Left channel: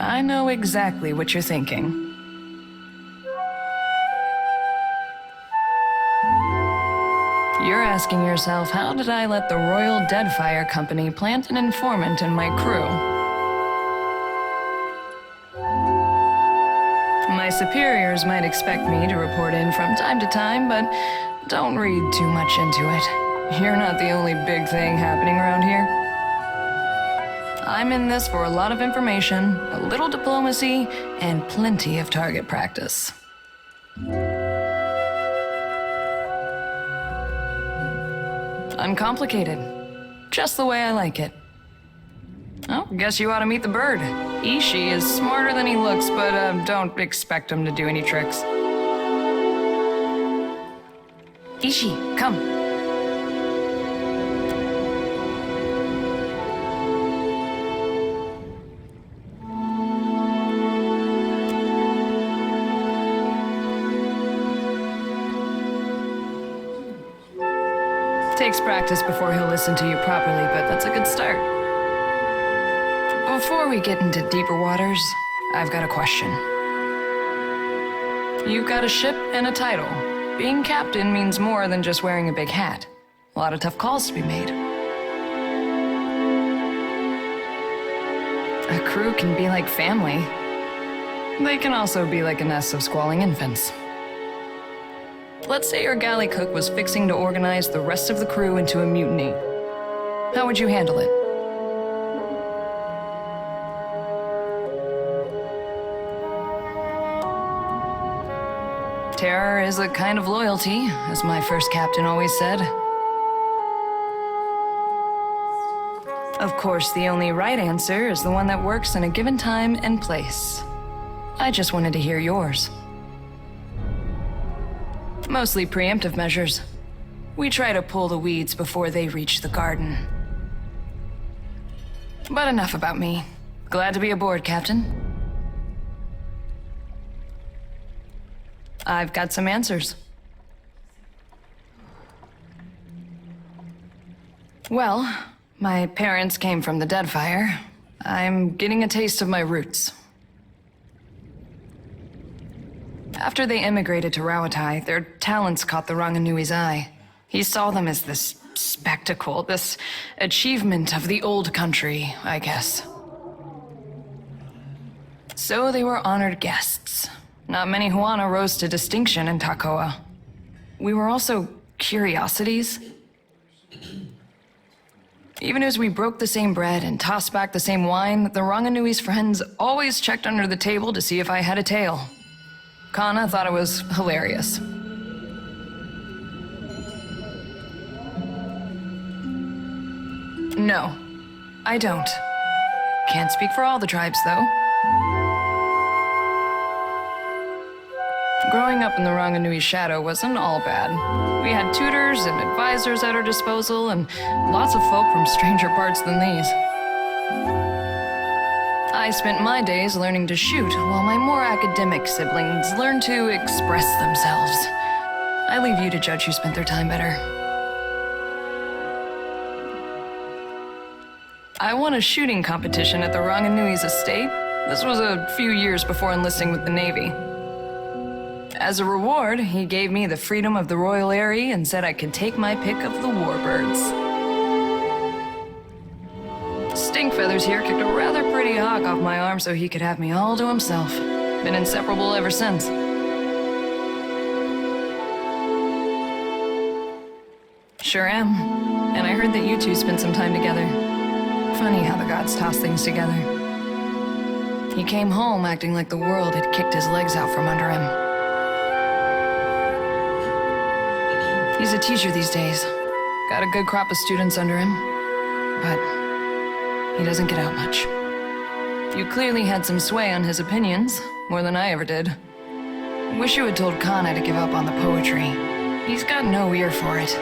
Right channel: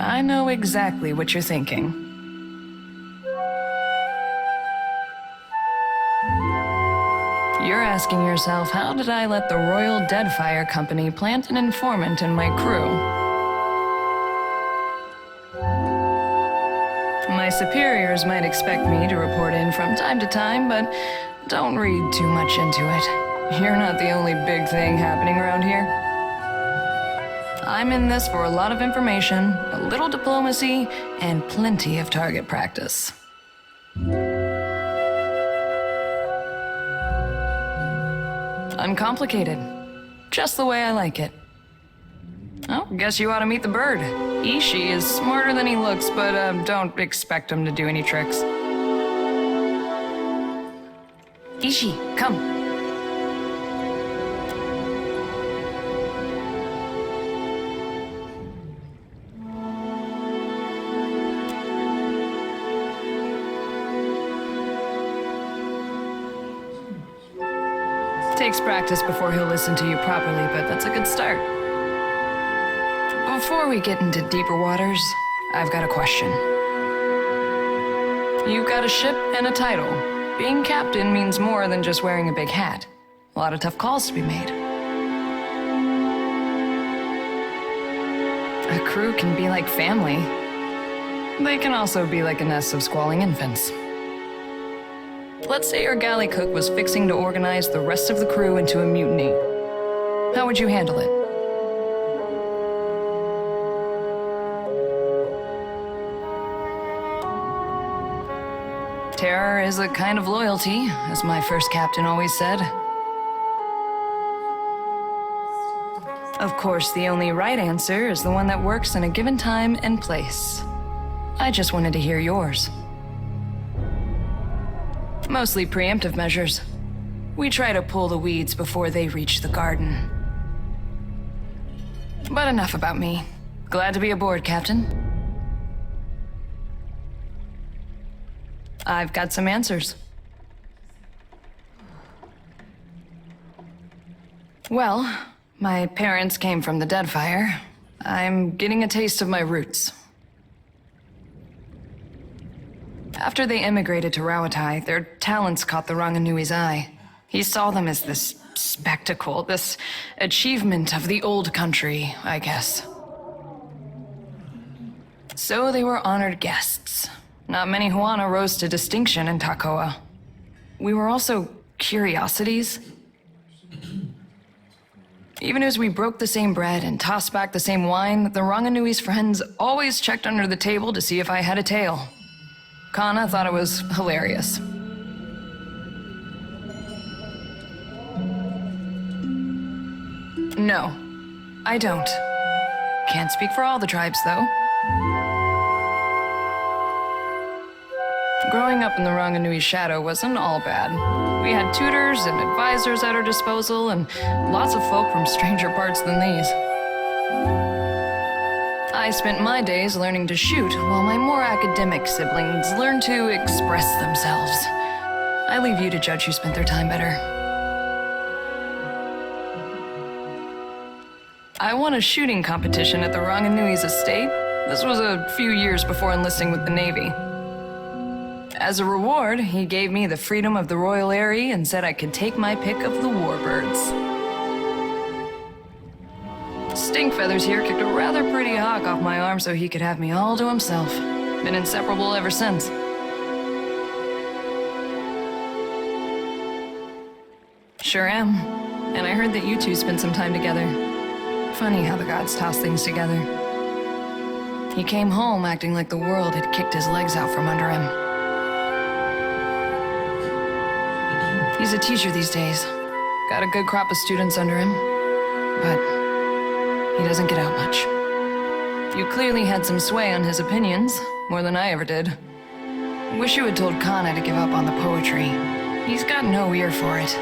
I know exactly what you're thinking. You're asking yourself, how did I let the Royal Deadfire Company plant an informant in my crew? My superiors might expect me to report in from time to time, but don't read too much into it. You're not the only big thing happening around here. I'm in this for a lot of information, a little diplomacy, and plenty of target practice. Uncomplicated. Just the way I like it. Oh, guess you ought to meet the bird. Ishi is smarter than he looks, but don't expect him to do any tricks. Ishi, come. Takes practice before he'll listen to you properly, but that's a good start. Before we get into deeper waters, I've got a question. You've got a ship and a title. Being captain means more than just wearing a big hat. A lot of tough calls to be made. A crew can be like family. They can also be like a nest of squalling infants. Let's say your galley cook was fixing to organize the rest of the crew into a mutiny. How would you handle it? Terror is a kind of loyalty, as my first captain always said. Of course, the only right answer is the one that works in a given time and place. I just wanted to hear yours. Mostly preemptive measures. We try to pull the weeds before they reach the garden. But enough about me. Glad to be aboard, Captain. I've got some answers. Well, my parents came from the Deadfire. I'm getting a taste of my roots. After they immigrated to Rawatai, their talents caught the Ranganui's eye. He saw them as this spectacle, this achievement of the old country, I guess. So they were honored guests. Not many Huana rose to distinction in Takoa. We were also curiosities. Even as we broke the same bread and tossed back the same wine, the Ranganui's friends always checked under the table to see if I had a tail. Kana thought it was hilarious. No, I don't. Can't speak for all the tribes, though. Growing up in the Ranganui's shadow wasn't all bad. We had tutors and advisors at our disposal, and lots of folk from stranger parts than these. I spent my days learning to shoot, while my more academic siblings learned to express themselves. I leave you to judge who spent their time better. I won a shooting competition at the Ranganui's estate. This was a few years before enlisting with the Navy. As a reward, he gave me the freedom of the Royal Eyrie and said I could take my pick of the warbirds. Stink Feathers here kicked a rather pretty hawk off my arm so he could have me all to himself. Been inseparable ever since. Sure am. And I heard that you two spent some time together. Funny how the gods toss things together. He came home acting like the world had kicked his legs out from under him. He's a teacher these days. Got a good crop of students under him. But he doesn't get out much. You clearly had some sway on his opinions, more than I ever did. Wish you had told Kana to give up on the poetry. He's got no ear for it.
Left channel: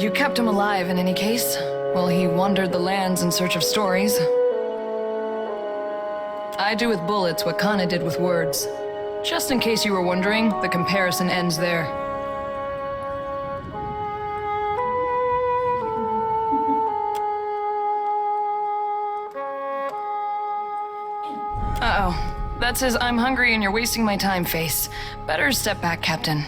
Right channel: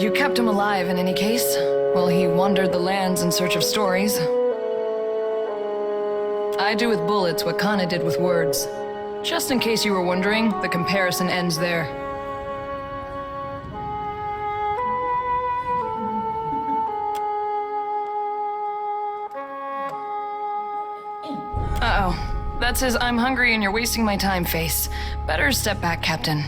You kept him alive in any case, while he wandered the lands in search of stories. I do with bullets what Kana did with words. Just in case you were wondering, the comparison ends there. That's his "I'm hungry and you're wasting my time" face. Better step back, Captain.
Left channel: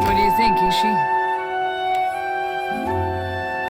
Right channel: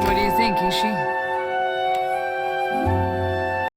What do you think, Ishi?